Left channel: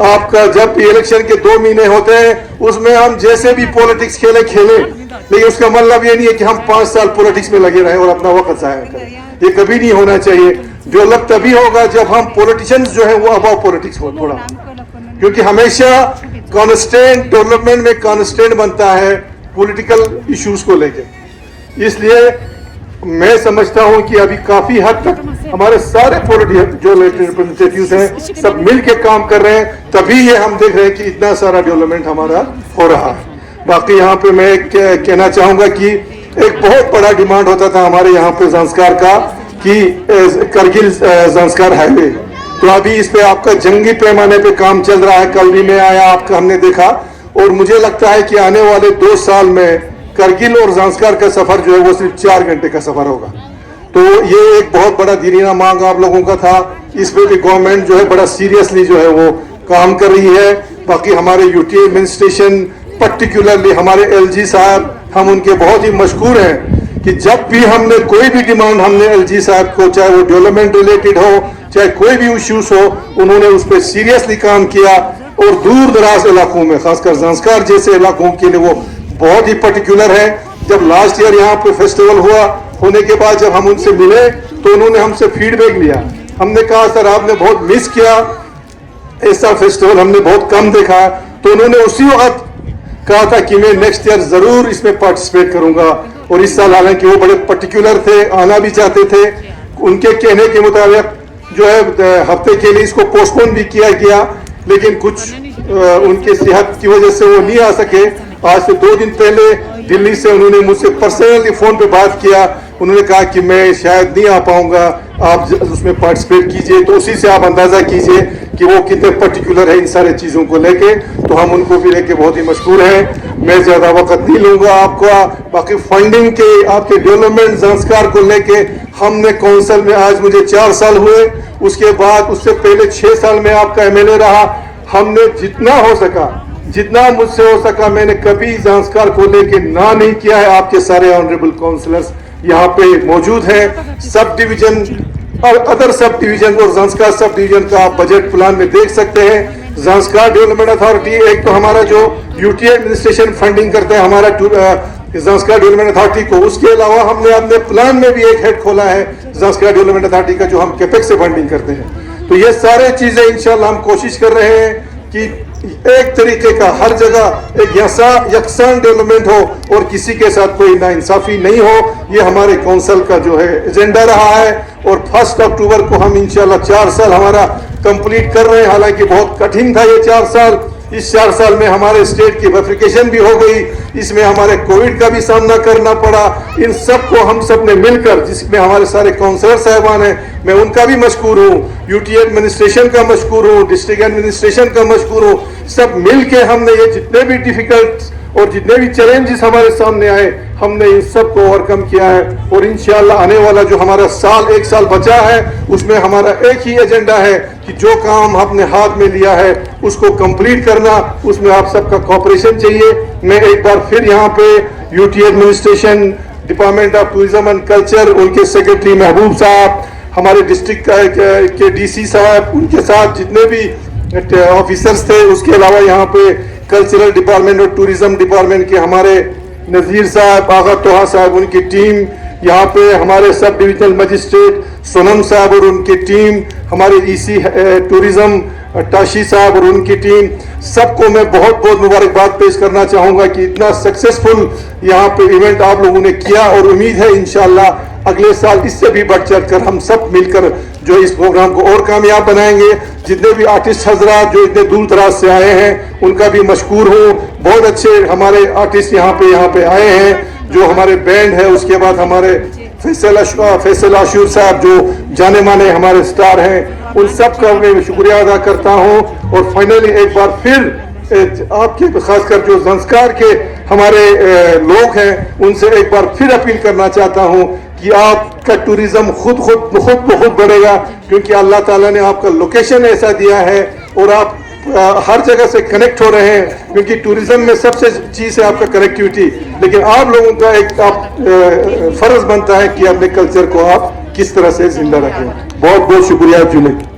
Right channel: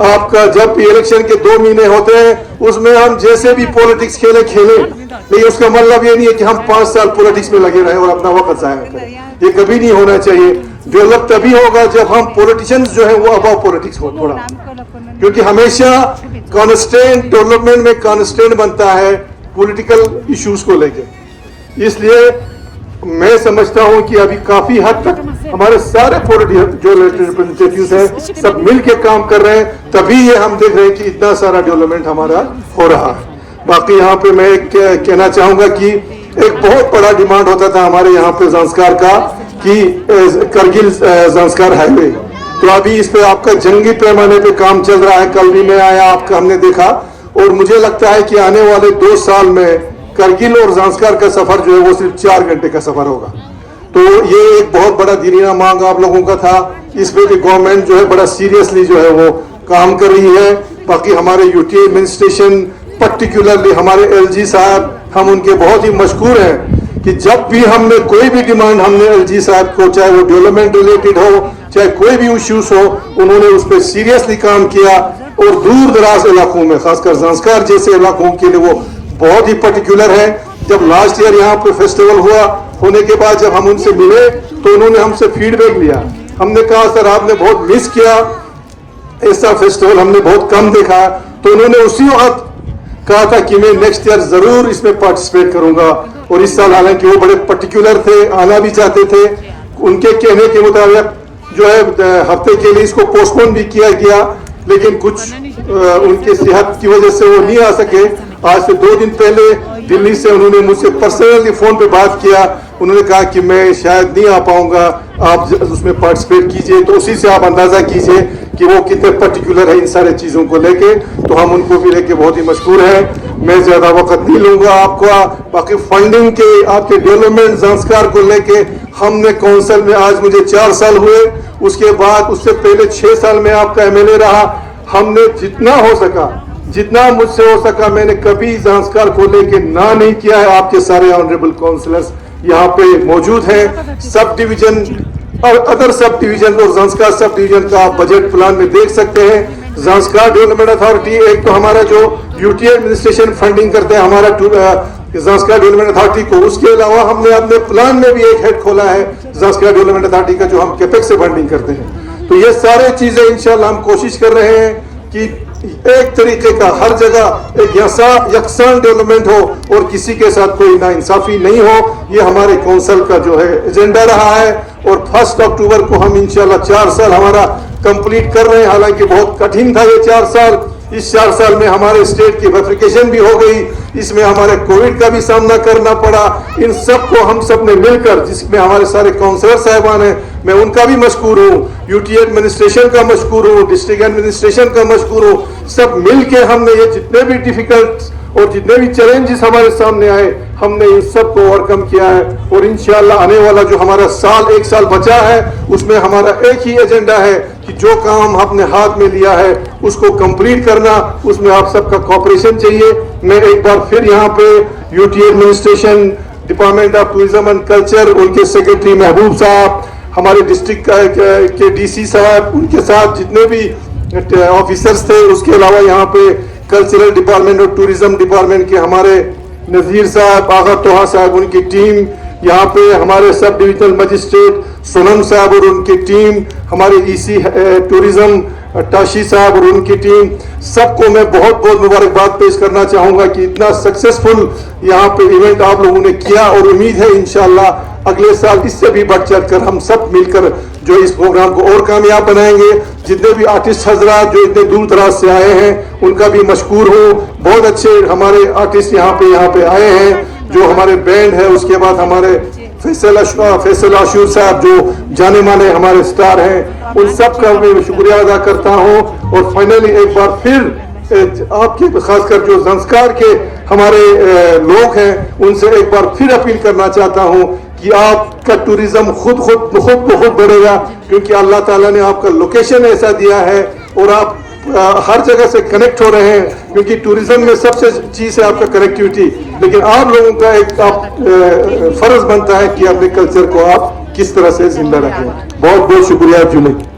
آپ کا جب بھی الیکشن کے 2 مہینے ہوتے ہیں اس میں ہم جیسے بھی پولیٹکس کھیلیں لیکن اس کا مطلب یہ نہیں ہے کہ ہم 5 سال پولیٹکس میں لگے رہیں اور اپنا وقت ضائع کریں. یہ کبھی نہیں ہونا چاہیے. ڈیولپ تبھی ہوگا جب ہم پولیٹیشینز جو ہیں وہ اباؤ پولیٹکس ہو تھوڑا, کیونکہ ہمیشہ کانسٹینٹ ڈیولپمنٹ میں کانسٹینٹ بنتا ہے پولیٹیکل ایشوز کو لے کے. اس لیے میں سمجھتا ہوں کہ ابھی کافی حد تک ہمارے سارے جو ریپرزنٹیٹیوز ہیں سب مل کے کام کر رہے ہیں, تبھی یہ ہم دیکھ رہے ہیں کہ اتنا سارا ڈیولپمنٹ ہمارا ہو رہا ہے. باقی یہاں پہ میں کہنا چاہوں گا کہ ایک بہت بڑا ڈیمانڈ ہوتا تھا ہمارے یہاں پہ زانسکار کا کہ کرگل زانسکار ہائی وے, تو ابھی اس پہ آپ کا جنگی پیمانے پہ کام چل رہا ہے. کل بھی میں آیا, آپ کا ہم نے دیکھا, اور مجھے لگتا ہے کہ آنے والے 2 سال میں کرگل اور زانسکار کا سفر جو ہے وہ صرف 4 گھنٹے کا سفر ہوگا. تو یہ ایک بہت بڑا دیرینہ مانگ آپ لوگوں کا تھا. اس پہ بھی گورنمنٹ جو ہے بڑا سیریسلی جو ہے وہ کام کر رہی ہے. باقی ہمارے یو ٹی ایڈمنسٹریشن پرٹیکولرلی ہمارے ایل جی صاحب, ہم ان کے بہت ہی مشکور ہیں کہ جب بھی ہم نے کوئی بھی ڈیمانڈ ہم نے ایل جی صاحب کو, چاہے وہ ڈیولپمنٹ ریلیٹڈ ہو چاہے کوئی بھی ایشوز ہو, انہوں نے اس پہ سیریسلی کام کیا. اور دور دراز علاقوں میں خاص کر زانسکار جیسے علاقوں کے لیے وہ بہت ہی پرٹیکولر ہے. جب لاسٹ ایئر یہاں پہ فیسٹیول ہوا ہونے کے بعد جب ہم ان سے ملے تو انہوں نے ہم سے فیڈ بیک لیا. ہم نے کہا سر آپ نے بہت مس کیا, ایسا فیسٹیول ہم نے بہت کم دیکھا. تو انہوں نے اسی وقت کہا تھا کہ میں نیکسٹ ایئر ضرور اس میں پارٹیسپیٹ کروں گا. اور اس سال حالانکہ وہ بڑے پرٹیکولر تھے, آنا بھی چاہتے تھے, ان کے کہنے کے مطابق جو ہے ہفتے کے لیے اس کو پوسٹ پون بھی کیا گیا, لیکن کچھ ان کی صحت کی وجہ سے وہ نہیں آ سکے. آج سے 2 دن پہلے دلی سے انہوں نے مجھ سے پرسنلی فون پہ بات کیا. انہوں نے کہا کہ میں شاید نہیں آ پاؤں گا, آپ اس میں پارٹیسپیٹ کیجئے. تو اسی سے آپ اندازہ کیجئے کہ وہ کتنے پرٹیکولر ہے ان سارے چیزوں کو لے کے. تو ہم ان کو بھی لے کے بہت ہی مشکور ہیں. میں زیادہ وقت نہیں لوں گا آپ کو. باقی فنڈنگ کے آپ کے ڈیولپمنٹ زانسکار کو لے کے ہم نے کونسل میں, آج مجھے 4 سال ہوئے, اس کے بعد اس سے پہلے 6 سال میں آپ کا MLA رہا. ہم نے جتنا ہو سکا, جتنا مجھ سے ہو سکا, میں نے کبھی زانسکار کو لے کے نہ نہیں کیا ہے. آپ کے سارے آنریبل کاؤنسلرز یہاں پہ موجود ہیں. سب ڈویژن اور ادر سب ڈویژن اور زانسکار سب ڈویژن کا آپ بجٹ پلان میں دیکھ سکتے ہیں. زانسکار ڈیولپمنٹ اتھارٹی ایک تو ہمارا جو یو ٹی ایڈمنسٹریشن فنڈنگ کرتا ہے ہمارا زانسکار ڈیولپمنٹ اتھارٹی کو, اس کے علاوہ ہم نے اپنے پلان میں بھی ایک ہیڈ کھولا ہے زانسکار ڈیولپمنٹ اتھارٹی کا, جو ہم کیپیک سے فنڈنگ کرتے ہیں. تو یہ سارے چیزیں انشاءاللہ ہم کوشش کر رہے ہیں کہ ایک طریقے کا ہر جگہ ایک یکساں ڈیولپمنٹ ہو اور کسی کے ساتھ کوئی ناانصافی نہیں ہو. یہ ہمارے کونسل کا جو ہے ایجنڈا رہا ہے. اور 1 اکتوبر کو ہم انشاءاللہ 4 سال ہمارا کمپلیٹ کر رہے ہیں. حالانکہ بہت کٹھن تھا یہ 4 سال. اس 4 سال میں ہمارے اسٹیٹ کی ویفیکیشن بھی ہو گئی, اس میں ہمارے کووڈ کا بھی سامنا کرنا پڑا. ان سب کو ہم سب نے مل کر, جس میں ہمارے سارے کاؤنسلر صاحبان ہیں, میں ان کا بھی مشکور ہوں, یو ٹی ایڈمنسٹریشن کا مشکور ہوں, ڈسٹرکٹ ایڈمنسٹریشن کا مشکور ہوں. سب مل کے ہم نے یہ جتنے بھی ڈیفیکلٹ اور جتنے بھی چیلنجز ہمارے سامنے آئے, ہم نے ان سب کو اوور کم کیا ہے. اور انشاءاللہ آنے والا جو ہمارا 1 سال بچا ہے, اس میں ہمارا ایک ہی ایجنڈا ہے کہ جو کام ہم نے ہاتھ میں لیا ہے اس کو کمپلیٹ کرنا. اس میں آپ سب کا کوآپریشن چاہیے. میں ایک بار پھر یہاں پہ U T administration, department of tourism and culture, ان کے سیکرٹری محبوب صاحب, ہمارے ڈسٹرکٹ کے ڈی سی صاحب, ان کے ساتھ جتنے بھی آفیسرز تھے, اس کے علاوہ یہاں پہ کلچرل ڈپارٹمنٹ اور ٹورزم ڈپارٹمنٹ کے ہمارے نذیر صاحب, آغا توہا صاحب, ان کی ٹیم, یہاں پہ ہمارے سب ڈویژنل مجسٹریٹ سونم صاحب اور ان کی ٹیم, ہمارے ای سی ٹورزم ٹاشی صاحب اور ان کی ٹیم, سب کو میں بہت بہت مبارکباد پیش کرنا چاہوں گا کہ اتنا سکسیسفل یہاں پہ ایونٹ آپ لوگوں نے کیا. اور امید ہے انشاءاللہ اگلے سال اس سے بھی بڑھ چڑھ کر ہم سب مل کر جو اس پروگرام کو اور کامیاب بنائیں گے. جتنے بھی آرٹسٹ حضرات جو اتنے دور دراز سے آئے ہیں ان کا بھی مشکور ہوں. بہت اچھے ہمارے آرٹسٹ یہاں پہ آئے ہیں, جو ہمارے بینڈ ہے. اس کے بعد ہمارے فیصل عاشور صاحب جو جانے مانے ہمارے سٹار ہیں, ان سب کا میں شکریہ ادا کرتا ہوں. اور فائنلی ایک بار پھر آپ کے خاص کر جو زانسکار کے ہمارے لوگ ہیں, ان سے ایک بار پھر اپیل کرنا چاہتا ہوں کہ آپ کا ٹوریزم خود بخود بڑھے گا, کیونکہ اللہ تعالیٰ نے آپ کا لوکیشن ایسا دیا ہے اور آپ ہر جگہ سے کنیکٹ ہو رہے ہیں. کیونکہ ٹوریزم میں سب سے چیز ہے آپ کا کنیکٹیوٹی, لیکن آپ لوگوں کا ایک فرض بنتا ہے کہ اپنے کلچر کو آپ کس طرح سے زندہ رکھیں. بہت بہت شکریہ جنید.